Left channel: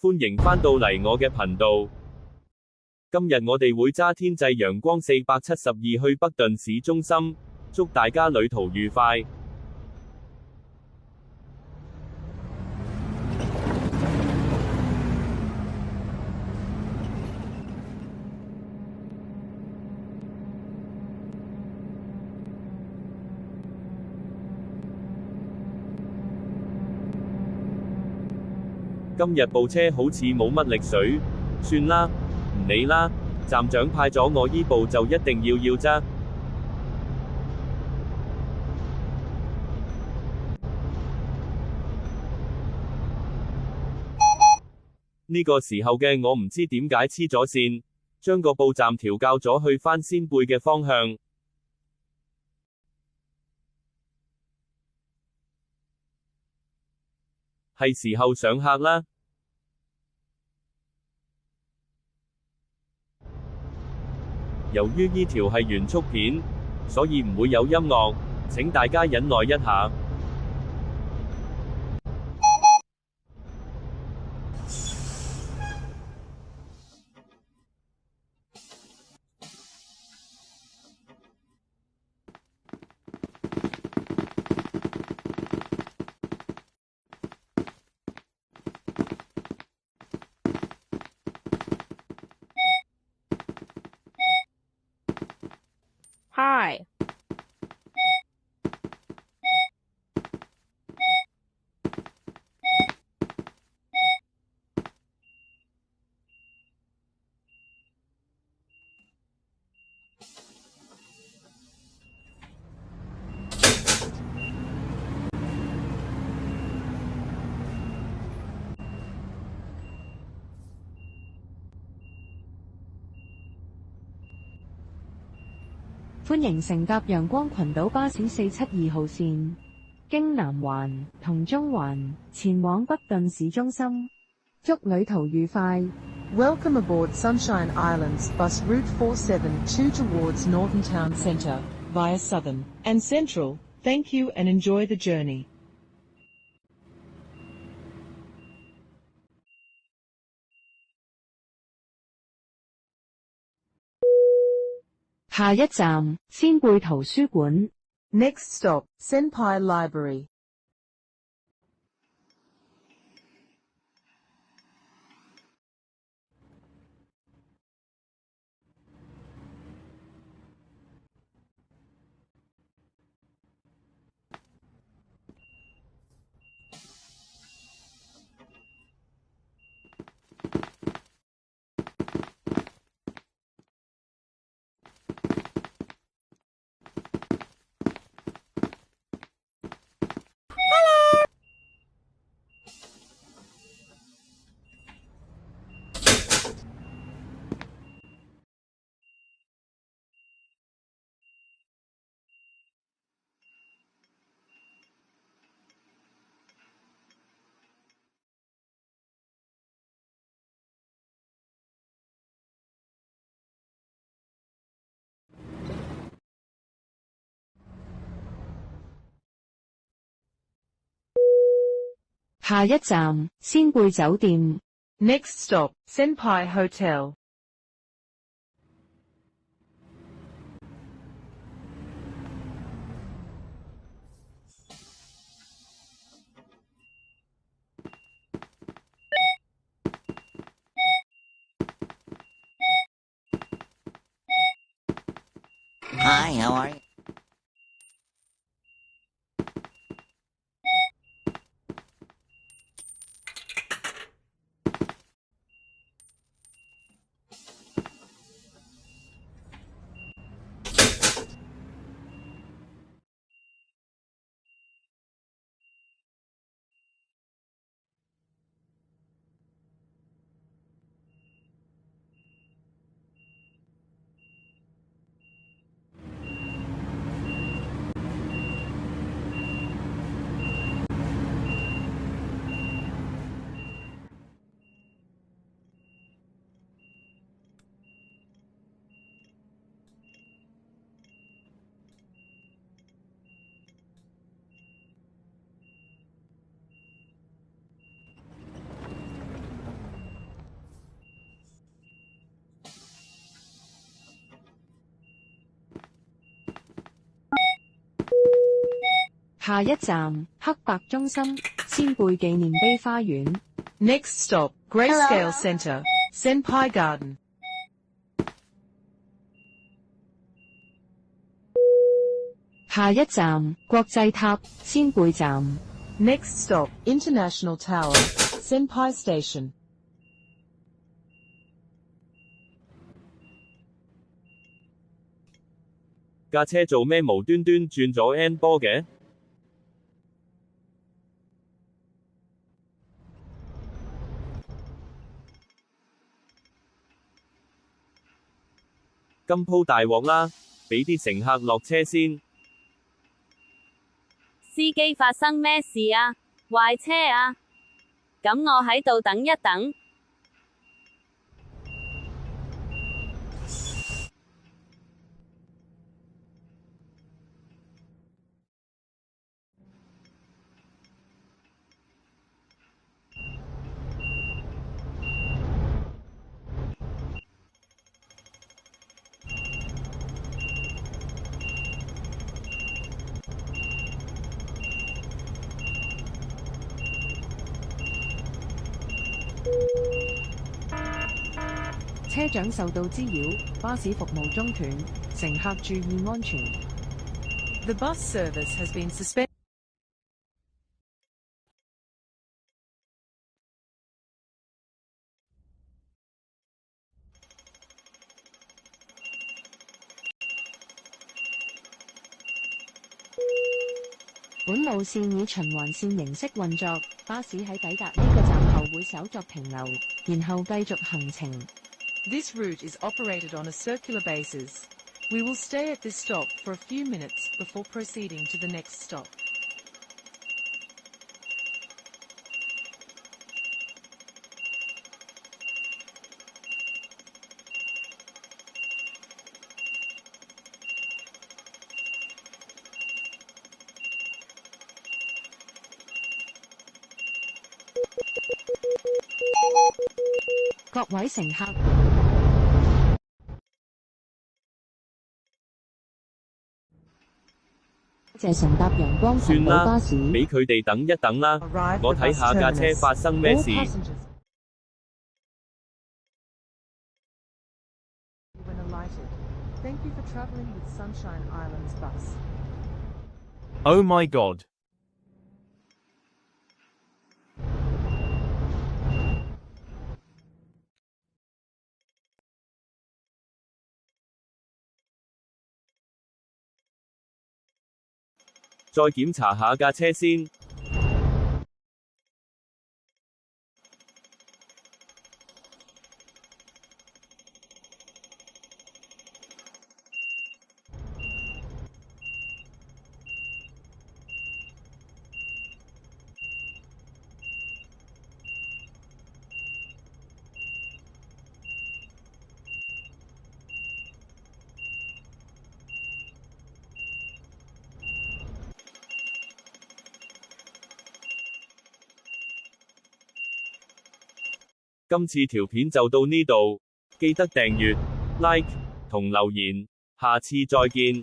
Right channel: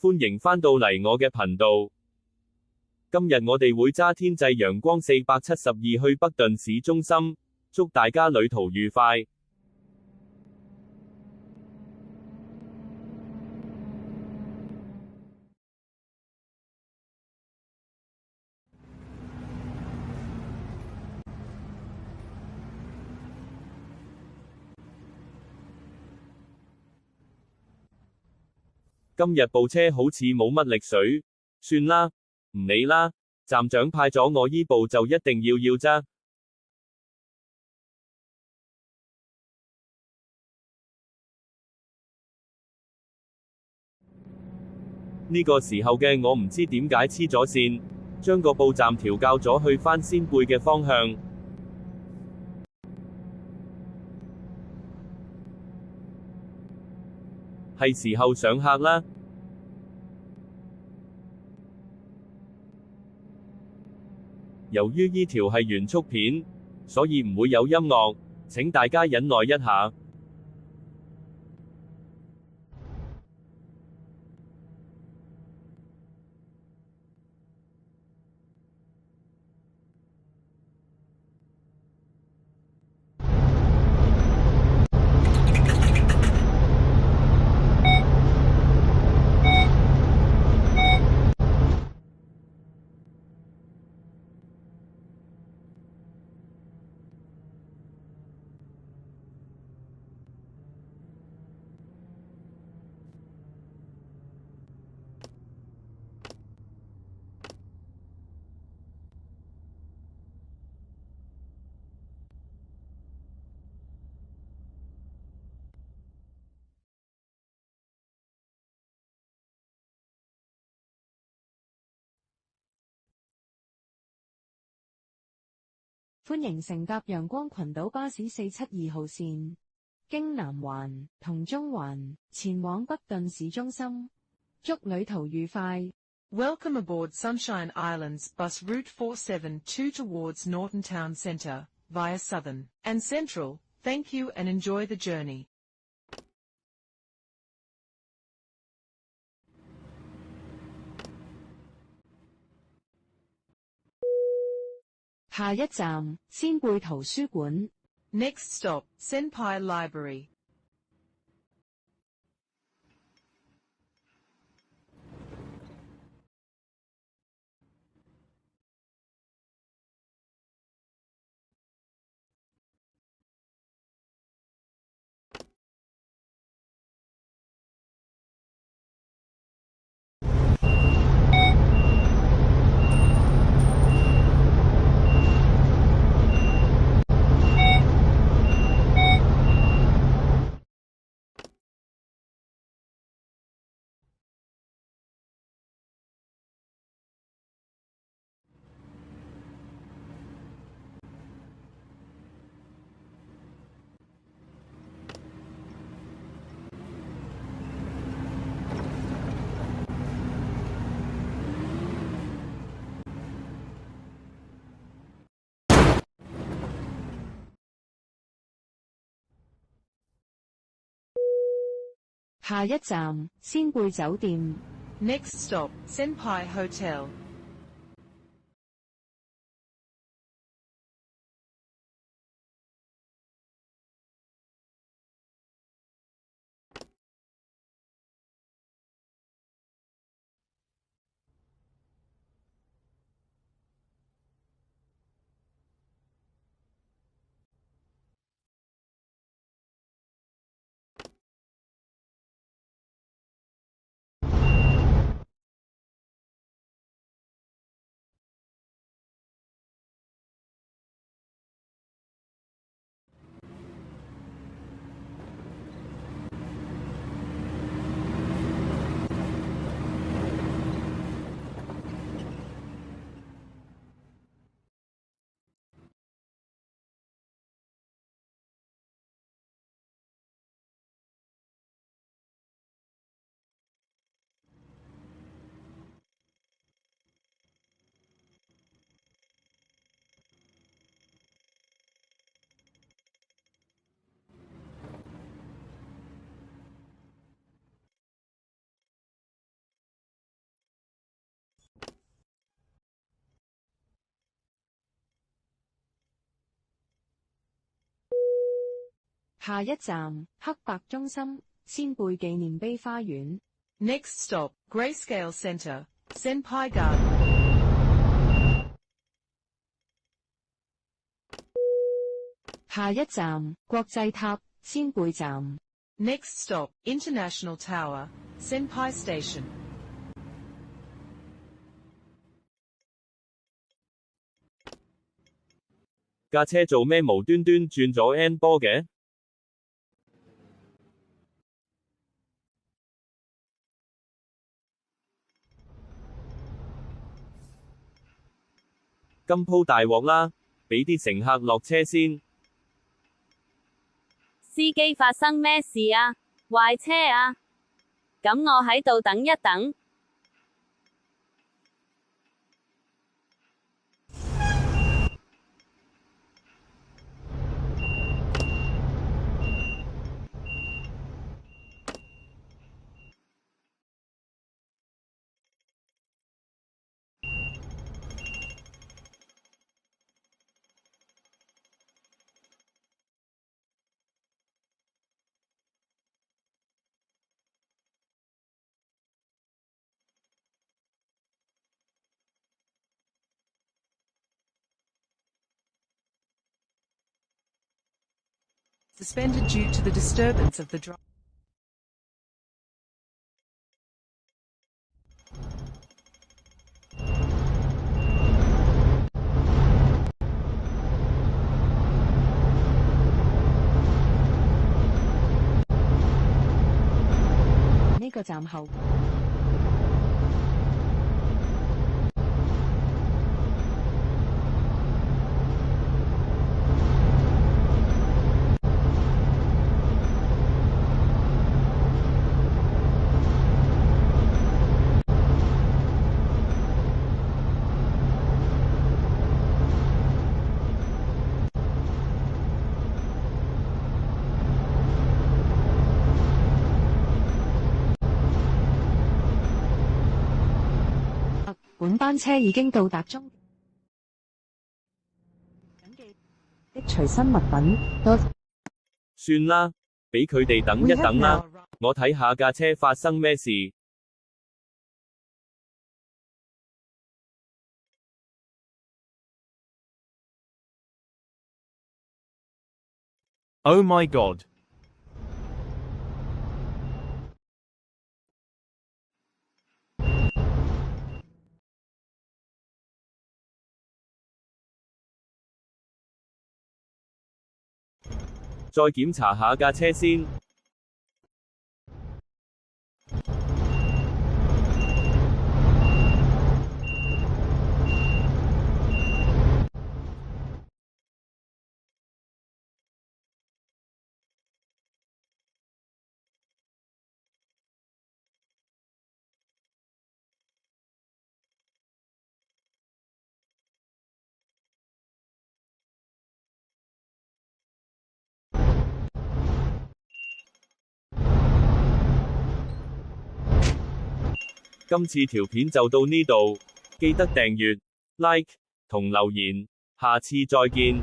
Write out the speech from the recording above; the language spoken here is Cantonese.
歡迎返到嚟我嘅頻道。今日我哋會揸天際陽光472去北頓市中心，祝大家旅途愉快。今日部車好似冇乜力水，算啦，唔理啦，站長派咗我依部就一定要啫。呢個時候嘅我唔知點解黐咗線，將個報站調校咗去返仙貝嘅方向。係時候上客啦。由於呢條係原速片，所以唔會有音樂，請大家忍耐一下。Hi.歡迎乘搭陽光群島巴士472號線，經南環同中環前往北頓市中心，祝旅途愉快。Welcome aboard Sunshine Islands bus route 472 towards Northern Town Centre via Southern and Central. Thank you and enjoy the journey. 下一站，仙貝圖書館。Next stop, Senpai Library.下一站，仙貝酒店。Next stop, Senpai Hotel. Hi, how are you? 下一站黑白中心先輩紀念碑花園。Next stop, Grayscale Center, Senpai Garden. 下一站國際塔先輩站。Next stop, International Tower, Senpai Station. 架車做咩無端端轉咗 N 波嘅？今鋪大鑊啦，俾啲乘客落車先。司機發生咩事啊？壞車啊？咁我喺度等一等。車長受到滋擾，巴士服務中斷，乘客注意安全。The bus service has been suspended due to the disturbance of the drive.本路線以循環線形式運作，巴士抵達呢個站後會稍作停留，然後繼續行程。This route is operated on a circular basis. We will stay at this stop for a few minutes before proceeding to the next stop. 各位乘客，本班車已經到達終點的隨身物品，多謝乘搭陽光群島巴士。俾佢哋等一等啦，我睇下架車發生咩事。Thank you for traveling with Sunshine Islands bus. Oh my god.「再檢查下架車先。今次條片就到呢度，記得訂閱、like 同留言，下次再見。